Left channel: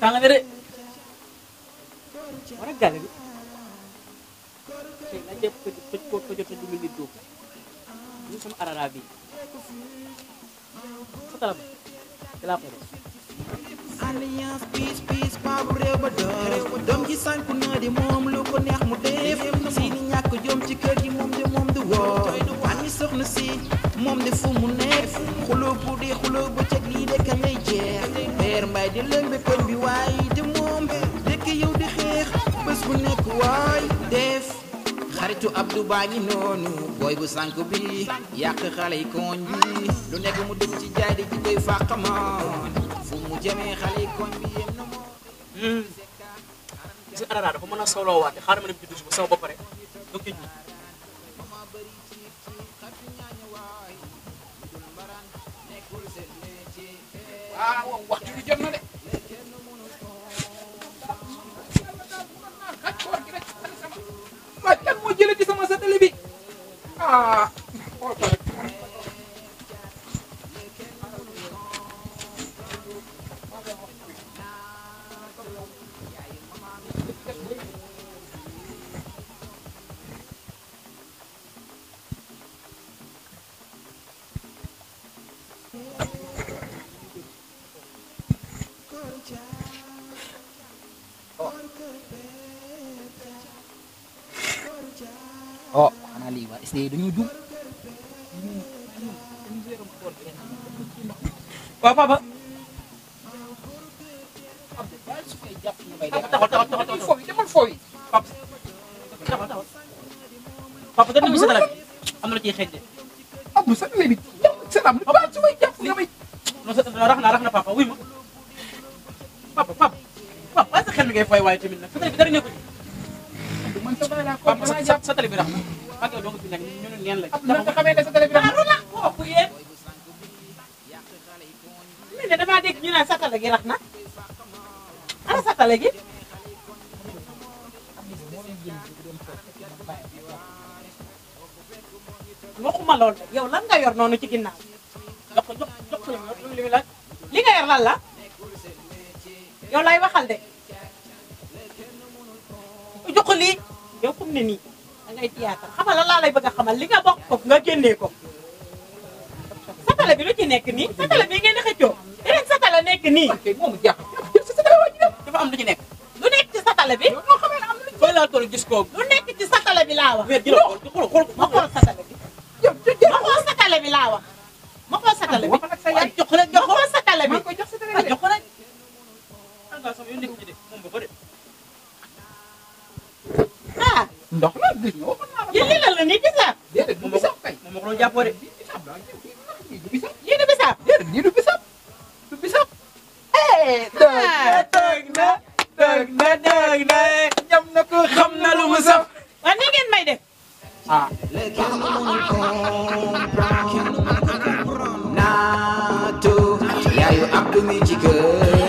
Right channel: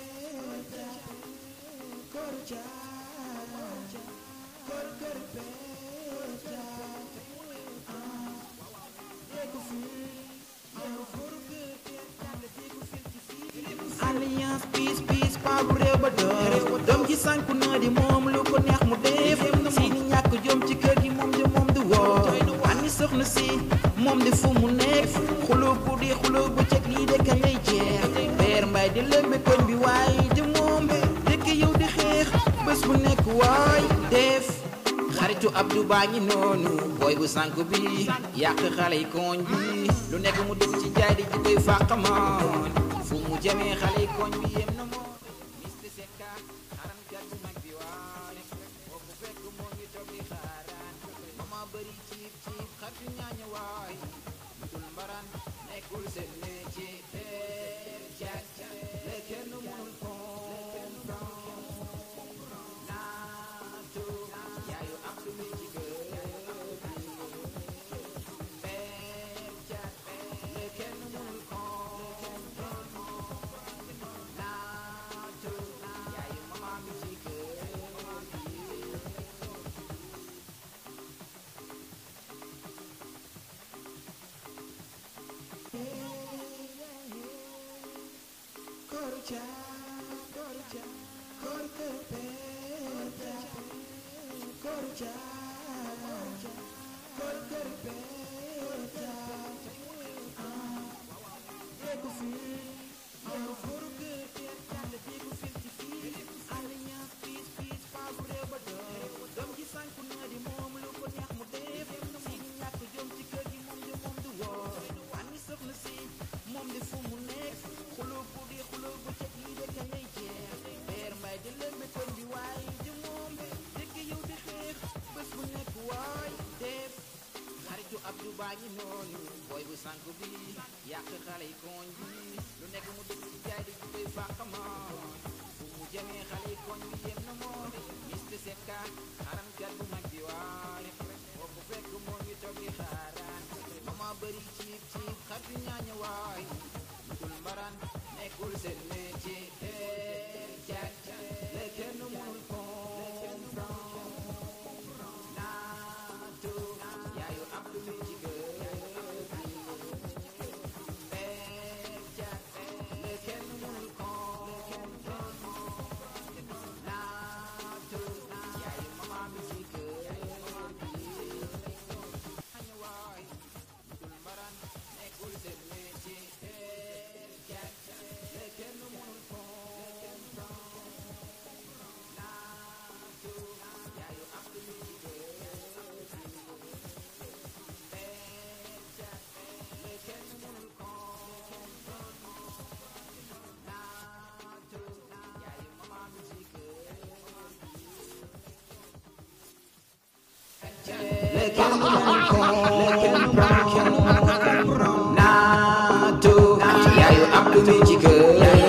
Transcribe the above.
tàng na de war a gàll bi na jëpp ko jot na dugg di ñu sama arara bi salam la ko alliance peace pa bu réew ba doom ji sànku na di moom lu ko neex mu def si ni ñàkk jom ci kër gi moom du woo ani soxna si moom de fu mu nekk xuloo guddi xuloo bëccëg lii de kañ lay jeex Père Mbaye di lëmbe koñ bi waaye de moom dëkk yow di xeex bés bu nekk waay def xaritu Abdou baa ngi noonu booy bu sànku bi yàq xale yi koñ bi lu nekk mu dugg ci jaay di ji koy fàqamoon fu mu jëmee xale yi koñ bi yem na moo si arara dafa mën a solo waat xaaral ma dem ci douche bu sama bopp rek donc mama bari ci xatu ñaaña waay dul mbaran nekkul seen métier waxtu bi jot na de kenn mënul ma kan moo jëlee ci sama satellite bi xool ko rek oh Ali waa SD dañuy dugg papa demal fooy papa dañu mi satala am na ci xej de Abdou satellite bi selam ba ci may jàpp nga may no sa rax na papa wuy ma papa sa xel mi ngay fay waaye tamit nag satala bi dara nekku man sama la ko papa satala bi rax na ak do nga fi nekk ñu neen la dama ko xamee ne satellite bi lu la ko yeen booy bu sànku bi yàq xale yi koñ bi mais dama dégg ñu naan satala gi rax na ana satala gi waxuma lool yow lan nga yor noonu ci ginnaaw li nga yor lan la yow lay waxal de jox ko lii yow kum ne nii da ngay tiyaatal xamal la laa lay bëgg a xamal li nga bokk ko nga génnee ko satala bi lu ci nekk nii satala bi ngeen di xëccoo yeneen satala nekk nii moom jàpp dafa am lu ci nekk lu nekk ci satala bi moo xamee am lu koy laa toll gis ko lu nekk ci satala bi laa wax ma xool satala bi ma xool satala bi laa wax ma xool satala bi jox rek jox xool satala bi jox rek ah ndox la gis nga yéen lii lan la nii bisaab déedéet du bisab kay moom ma ko jàppoo de du bisab lii du bisaab déedéet lii du bisab du bisab toog na ñam na ko xam na lu mu saf waaw ni ngeen may def kenn mënul comprendre naatu yaayu Abdou mi ci kër